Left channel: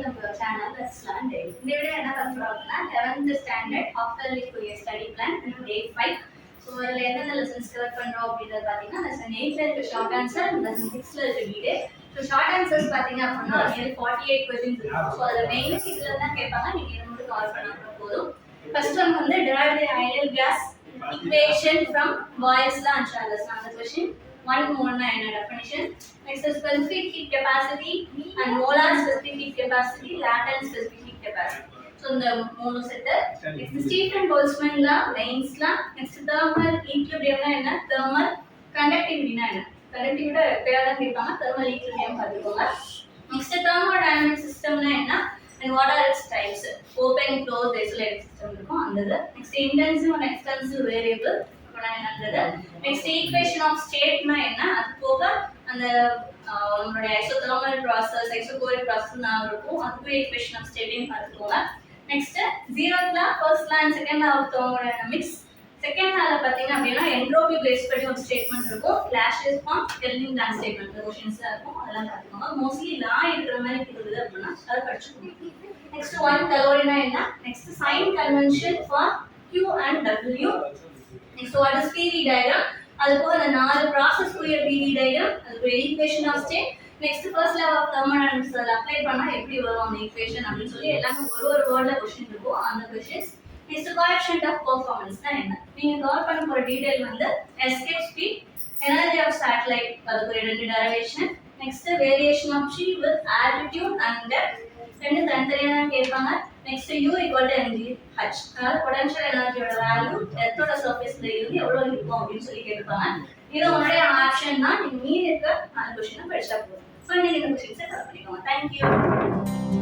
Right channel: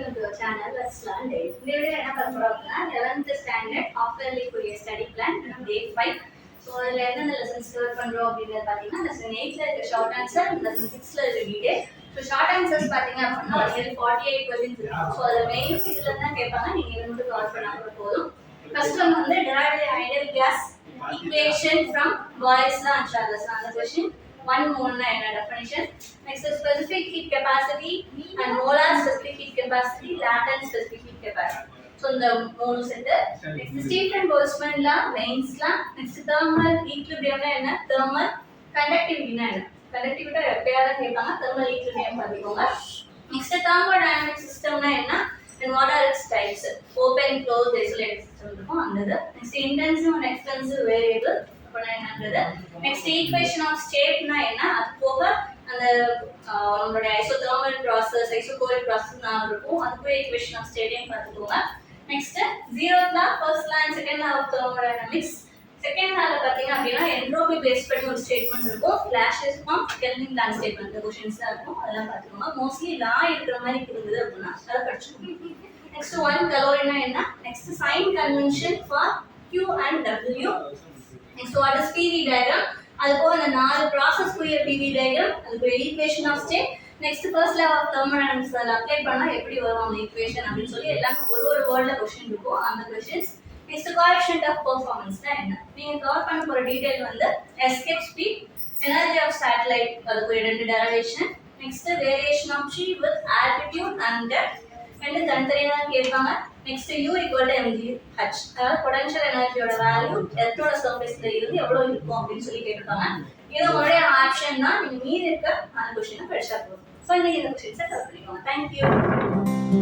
welcome to our channel. Let's learn daily. இந்த video என்ன பார்க்க போறோம்னா 11th standard half yearly course study plan day 5. So அதுல என்னென்ன lessons cover பண்றோம் அப்படிங்கறது பாத்தீங்கன்னா lesson 8ல இருக்க short answer, lesson 6ல இருக்க detail. So short answers பாத்தீங்க அப்படின்னா இது 48 questions இருக்கு. So அதுல மெயின் இதுல இருந்தா கேட்பாங்க, நீங்க இத மட்டும் கவர் பண்ணா போதும். First one வந்து derive the ideal gas equation from Boyle's law and Charles law. அந்த question one mole na enna definition. Next is specific heat capacity and molar specific heat capacity, latent specific heat capacity. So இந்த மூணு set. Next Stephen Boltzmann law, Lenz's law. Next thermal equilibrium na enna, thermal conductivity na enna. Conductivity எப்பயாவது கேட்பாங்க, thermal equilibrium பாத்துக்கோங்க. Next thermodynamic system na enna and what are its types? Open, closed, isolated system இருக்கும் அந்தது. Next intensive and extensive variable next equation of state na enna adu poga and நம்மளோட isothermal process isochoric process na irukum adu equation of state nu paathukonga. Next zeroth law, first law and second law of thermodynamics. Second law la pathinga appadina entropy base பண்ணி ஒரு statement இருக்கும், Laplace form, Kelvin plan statement questions இருக்கும், அதெல்லாம் பாத்துக்கோங்க. mostly law இருக்கிற மாதிரி இருக்குது அப்படினா அத படிச்சுக்கோங்க. Next one calorie na enna, next sign convention for Q and W. Next what is PV diagram, அதுக்கு அந்த நாலு process குரிய PV diagram, அதுக்கு equation of state. Next first law of thermodynamics apply பண்ணா எப்படி வரும் அந்த equation அப்படினு சொல்லி எல்லாமே ஒரு வேர்ட்ல क्वेश्चन இருக்கும், அந்த questions. Next coefficient of performance னா என்ன, நீங்க கவர் பண்ண போற டீடைல் வந்து escape speed, energy of satellite அதுக்கு ரெண்டு derivation. Next variation of g with altitude and depth, ரெண்டு தனித்தனியா கேட்பாங்க. Next u equal to mgh, அதாவது potential energy ஓட வேல்யூ எர்த்தோட சர்ஃபேஸ்ல இருந்து எவ்வளவு இருக்கும் அப்படினு சொல்லி கேட்பாங்க. இது உங்களுடைய ஆப்ஷன் தான், நீங்க மீதி இருக்க அந்த क्वेश्चन படிச்சா போதும். சோ இன்னைக்கு இந்த क्वेश्चंस கவர் பண்ணிக்கோங்க. Thank you.